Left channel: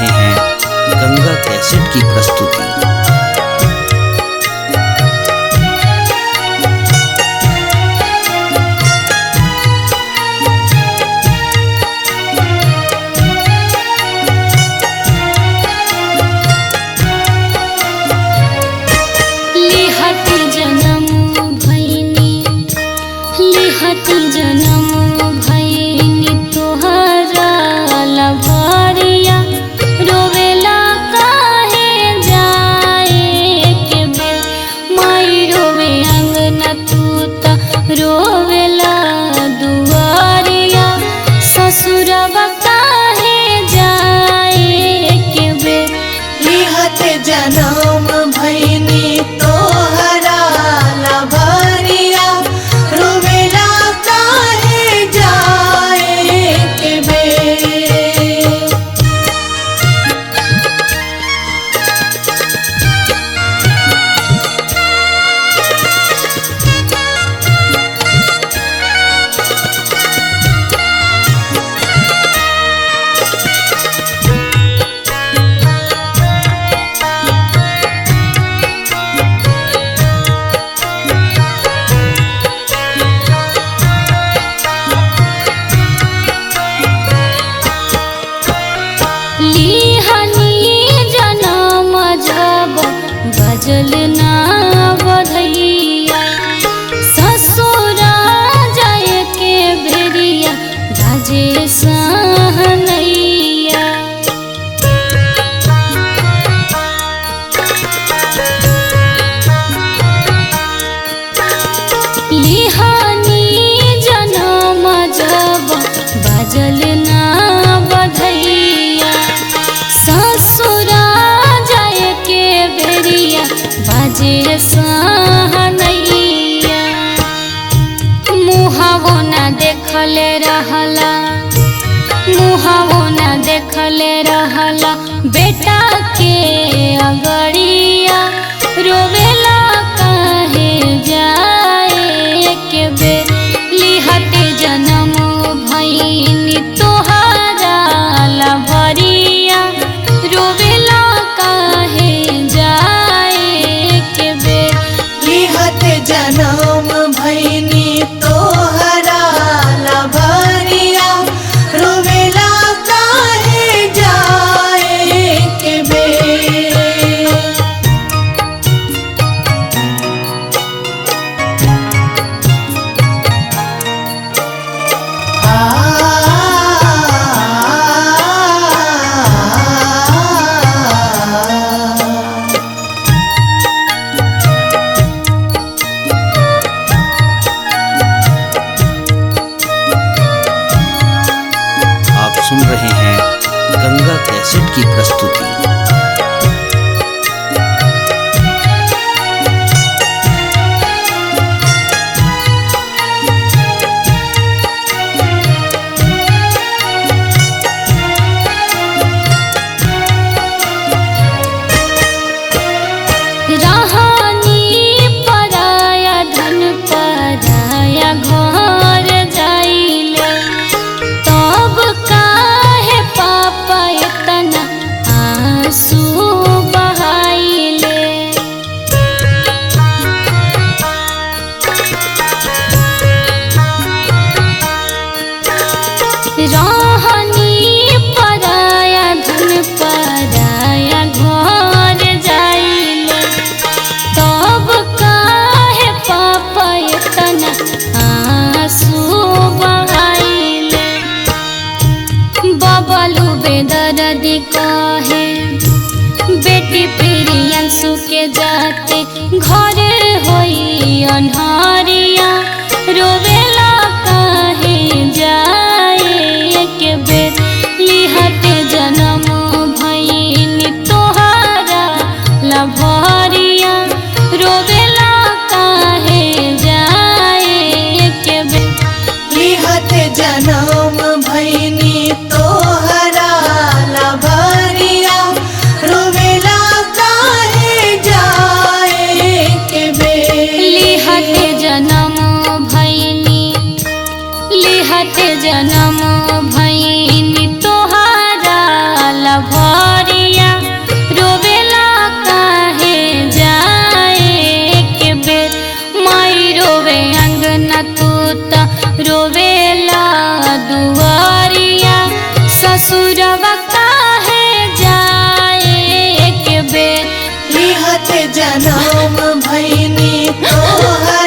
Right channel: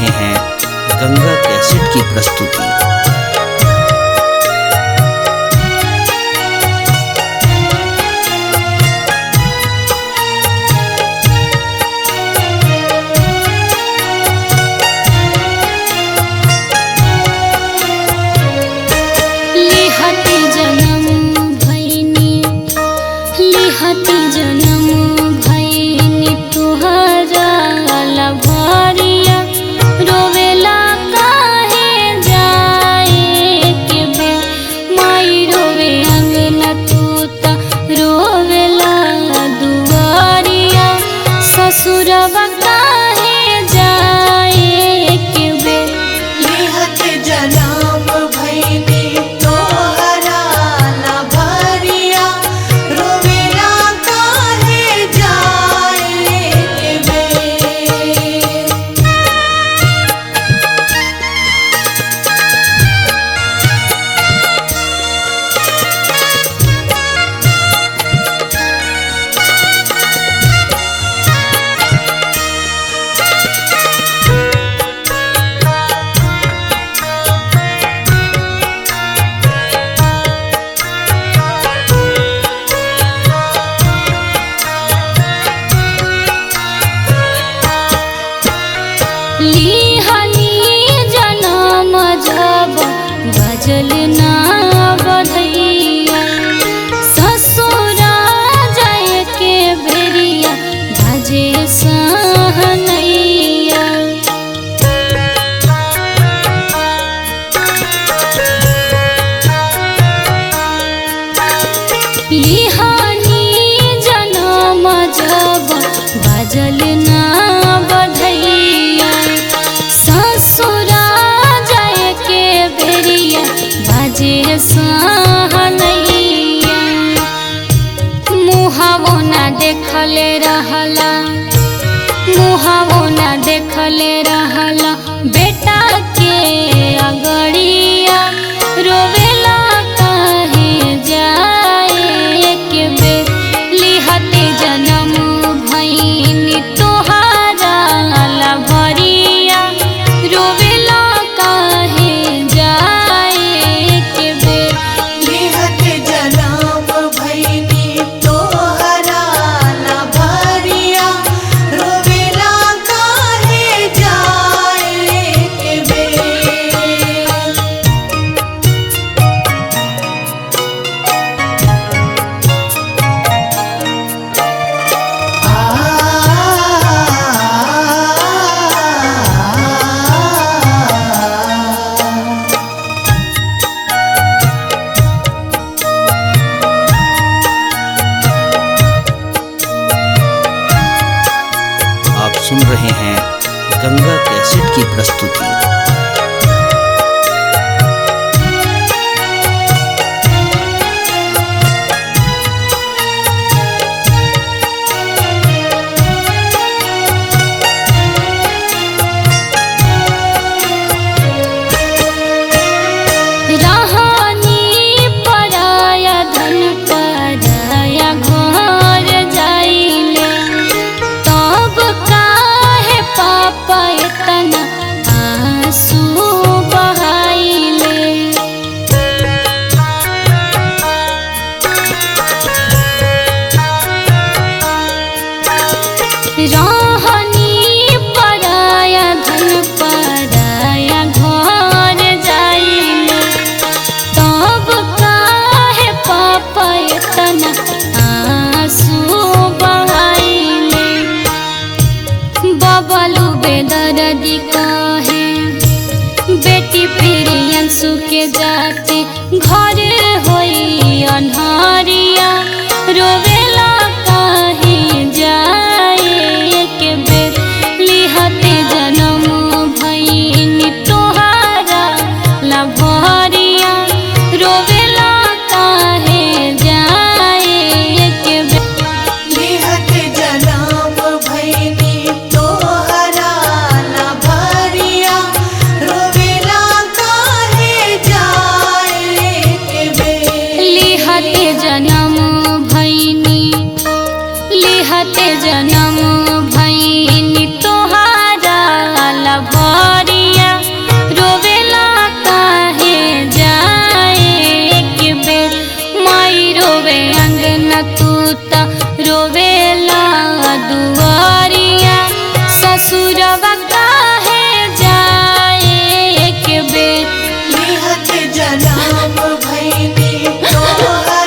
रहे हैं गंगा कैसेट की प्रस्तुति। लिहती जन्म भैनी तोहरा लभरिया रोवेला काहे जाए के बे माई रोवे अंगना तू त रोवेला दुआरिया ससुरवा काहे जाए के बे लिहते जन्म भैनी तोहरा लभरिया रोवेला काहे जाए के बे। लिहनी जनम जब बजल ना बधैया ससुरा जाय के बेरिया बाजे सहनैया लिहनी जनम जब बजल ना बधैया ससुरा जाय के बेरिया बाजे सहनैया मुहावो ना देखले रहला मुहावो ना देखले रहला बेटा के अगड़िया रोवेला काहे जाए के बेर लिहते जन्म भैनी तोहरा लभरिया रोवेला काहे जाए के बेर लिहते जन्म भैनी तोहरा लभरिया रोवेला काहे जाए के बे। आप सुन रहे हैं गंगा कैसेट की प्रस्तुति। रहनी पराया धन पराया घर जाइले तब काहे पापा इतना आंसू बहाइले रहनी पराया धन पराया घर जाइले तब काहे पापा इतना आंसू बहाइले बबलू बेदर्दी कहे बेटी प्रियंशु के जाते घर होई अन्हरिया रोवेला काहे जाए के बेर लिहते जन्म भैनी तोहरा लभरिया रोवेला काहे जाए के बेर लिहते जन्म भैनी तोहरा लभरिया रोवेला काहे जाए के बे। लिहते जन्म भैनी लिहते जन्म भैनी तोहरा लभरिया तू त रोवेला दुआरिया ससुरवा काहे जाए के बेर लिहत जनम भैनी तोहरा